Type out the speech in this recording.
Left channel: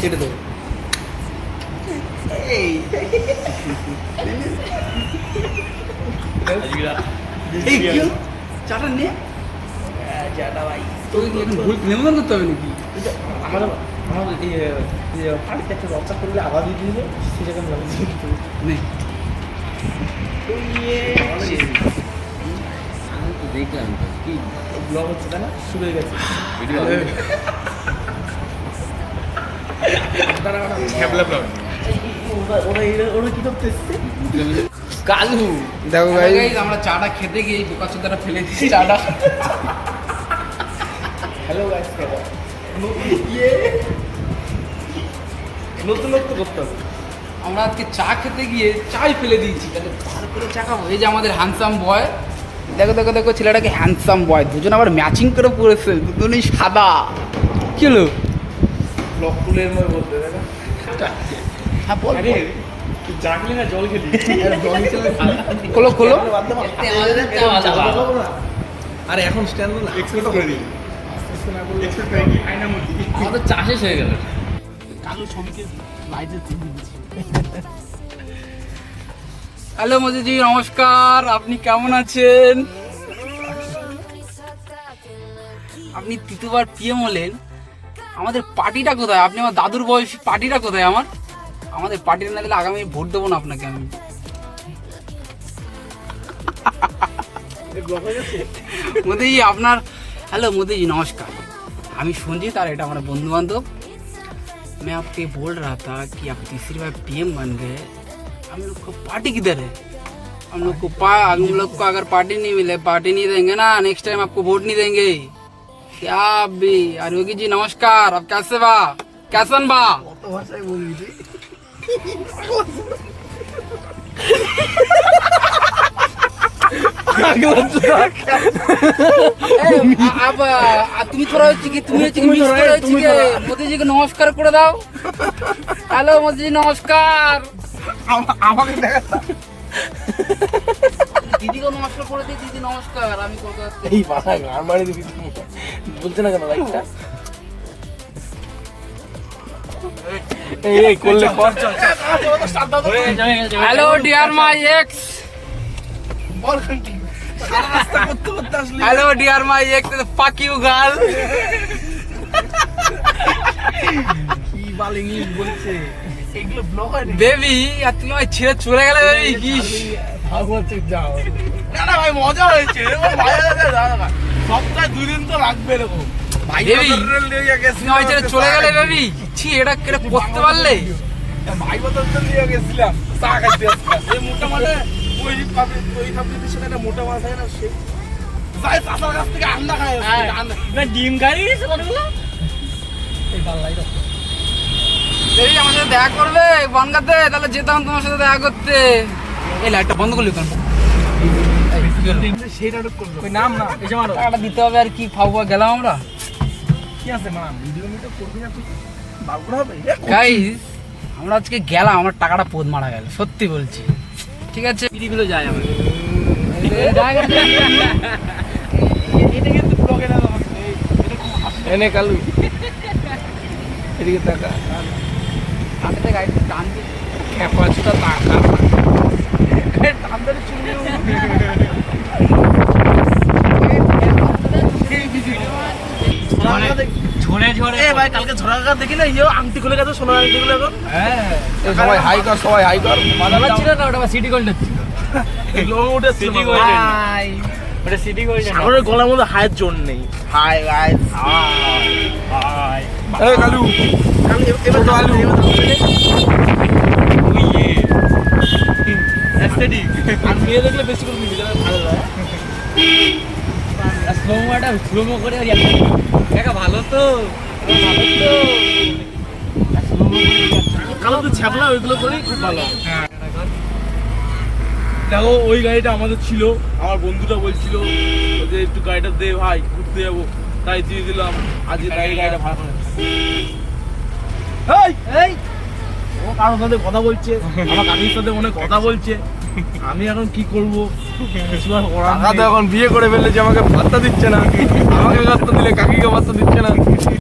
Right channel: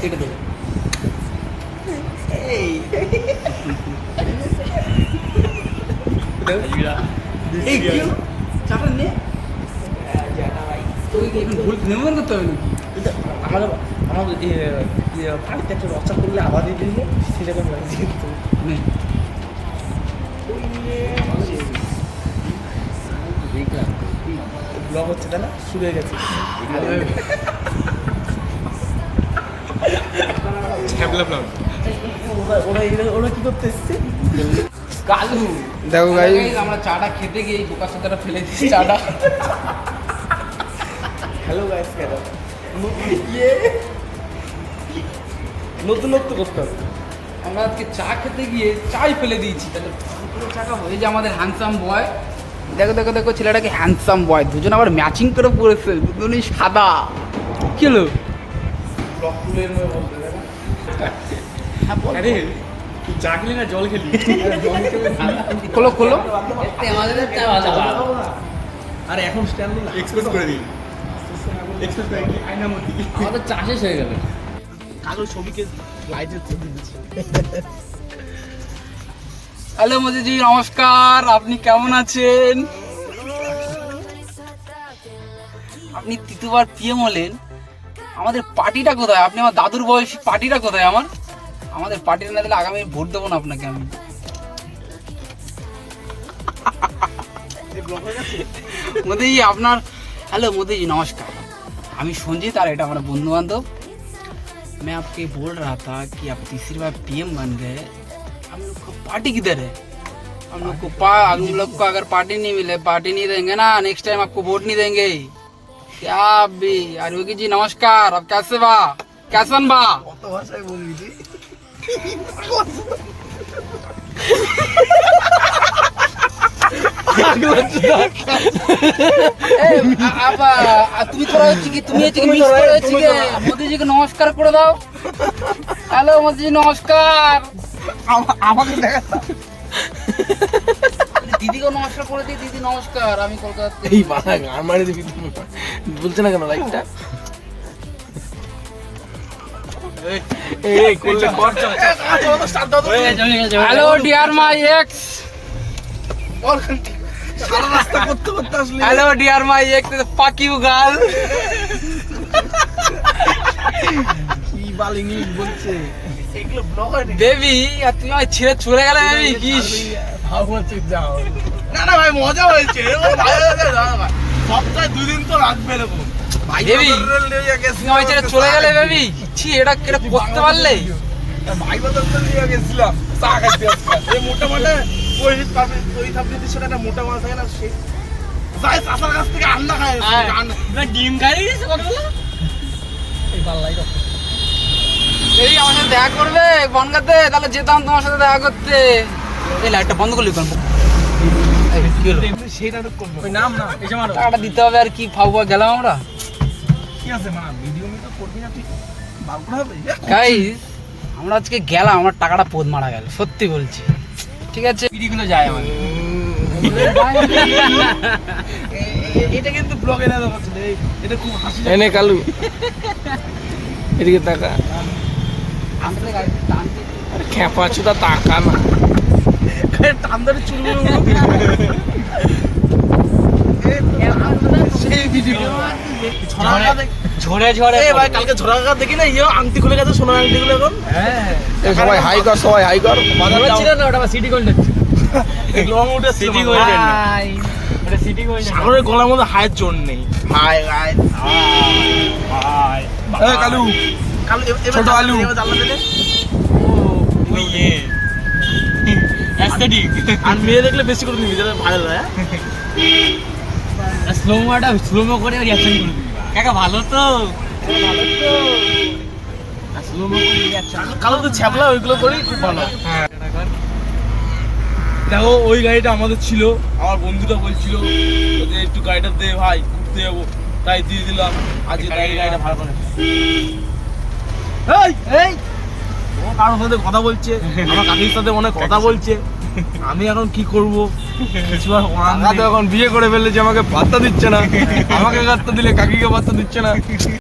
কেটে দেবো। চাটা নে, তোকে এখন ভুল নেমন করতে হবে নাকি? আমার পানিতে একটা রচা করলে আবার দিয়ে দিলে সেটা নে দেখলাম কি ব্লগ হচ্ছে তাই না, শুরু হয়ে গেছে। ওরা কি করতে এসছে? কালু দেখো ভাই, আমরা চাটা খেতে গিয়ে বোকা চোদাটা ফেলে দিচ্ছি চাটা। হ্যালো গাইস, নতুনত্ব করতে হবে। আমরা আজকে চা খেতে গিয়ে চাই ফেলে দিয়েছি, তাহলে তারপরে চা খাবো। এই যে আমাদের হ্যান্ডসাম বয়, দেখো দেখো দেখো ছেলেটাকে হ্যান্ডসাম বয়, দুজন আবার ম্যাচিং করে পড়েছে, দুজনেই সাদা। কি হলো? ব্লগ তুলের মধ্যে বলতে দেখো। হ্যাঁ বল। আরে তুই চা খেলি না জল খেলি? খোলো খোলো। আরে এখন স্ট্যান্ড না, এক্সপোর্ট করে দিই। এক্সপোর্ট করে কি আয়না মুদি। আমাদের চা শেষ হয়ে গেল। কালো ছবিকে লাইটে তুলে দিচ্ছি। হ্যালো মোদিজি, নমস্কার। আপনি কেমন আছেন? আপনি তৃতীয়বার পিএম হলেন, আমাদের পার্টিটা কোথায়? আপনি আমার দাদুর বয়সী, পার্টিটা কোথায় আমার? আমাদের পার্টিটা না দিলে আগামী ভোট দেবো না আপনাকে আমি। মোদিজি আপনার, हेलो मोदी जी नमस्कार। हमें संजीत और এটা हमारा बंधु बांधव। मैं आपसे बोल रहा था कि आप तीसरी बार पीएम बन गए, हम लोग को पार्टी किधर है? हम लोग को अगर पार्टी नहीं मिले, पार्टी नहीं देंगे ना, नेक्स्ट टाइम आपको वोट नहीं देंगे। क्या भी यार योगी जी नमस्कार, आप कैसे बा, कैसन बा? কত ভাষায় বলবি তুই? তুমি থোড়া হচ্ছে কি, তুমি হচ্ছে কি মিস করে হচ্ছে কি মোদি জি কে নমস্কার করে দাও। হ্যালো মোদি জি নমস্কার। আমাকে দেখা দিদিকে নমস্কার করে দিই। দিদি নমস্কার, আমি কলকাতা থেকে। এই মাথা গান মারি দিবি তুমি, বলছে না কেন লাইটটা? এই করলে কর, চল হ্যালো ডিয়ার মাই এক্স, সারা রাস্তা করতে করতে আসলে। Hello dear my ex, fuck you girl. কি বাল ইংলিশ বলছে এগুলো ব্লগ হয় না। বেবি আর তুমি আমায় ছেড়ে চলে গেলে বেবি, কি ভাগবত যাও না না ভাই, মজা হয়েছে। সপ্তাহে 2 দিন তো লাগবে এরকম ভাই। বেবি তুমি আমায় ছেড়ে চলে গেলে বেবি, ছি এটা কেটে করতে পারলে? ভাই বদল নিয়ে গেছিলাম চা খাইতে আজকে। এই মোটা মাঠে ওই সাবজেক্টের সাথে একটা মোটা মাছ থাকে না, সেই যাই চাচার কাছ থেকে আন্ডা খায়, ডিম খাই ছোটবেলা। এই পাল্লাই রক্ত বেবি আমার সাথে দেখা করবে বনগাতে, তাহলে যেতাম তোমার সাথে দেখা করতে। এই লাইটটা বন্ধ করলি কেন? সেই নাটক করলো। ওই নাম না এসে মারো, টাকাটা দিতে হবে আর কি, ফাউ গেলাম আমরা। কি আছে মা, ভিডিও মিডিও করবি না তুই, বাল করা হবে। গাইস আমরা আজকে গেলাম, আমার টাকাটা পোদ মারা গেল, সত্যি বলছি। ঠিক আছে পিড়িগুলো যায় আমার। এটা কিন্তু ব্লগে না দেওয়া ছিল, এটা খুব হাসি। এনে কালু এদিকে তাকা, আসলে গাড়িটা টানতে খেপা ছোটা তাকা টান ধরে চুলগুলো সেই ভিডিও ঝরে ঝরে। এ ভাই কালকে ঝোড়া কাকা দেখি না, ইয়ে আংটি খুলে গেছে, সোনার আংটি গুলো এখন। হ্যাঁ সবাই হাই কর, সবাই হাই কর। ছিল না, ওটা সিটি গোল্ড ছিল। লং উঠে সিটি গোল্ড, হাই ওটা সিটি গোল্ড। সাগরের গলার মধ্যে হায়ের জোর নেই। High high high. এই কালু, কালু ছোট আলু আর মেয়ে দেখলে বেশি করে নিবি, যাতে ভালো লাগে। স্লোমো করে রিঅ্যাকশন কাকা ভালো তো, ভালো তো স্লোমো করে রিঅ্যাকশন। কালো তো ছ্যাপলা, ওইগুলো করেই খুব ভালো। দেখো ওই গাড়িটা আমাদের ছিল, আমার বন্ধুটা বলছিল যে একটু গাড়িটা দে ভাই, ঘুরতে যাবো, তাই দিয়ে দিলাম। আজ গাড়িটা ভালো করে। এই এই ও কারোর সাথে কথা বলছে, আমার কাকির সাথে মনে হয় কথা বলছে। আমি এখন কি করব, কিছু আর করার নেই। এখন বিয়ে করে ফেললে যে আমাকে ভাত্তা দিচ্ছে না, আমাকে ভাত্তা দিলে কাকিকে ভাত্তা দিচ্ছে না।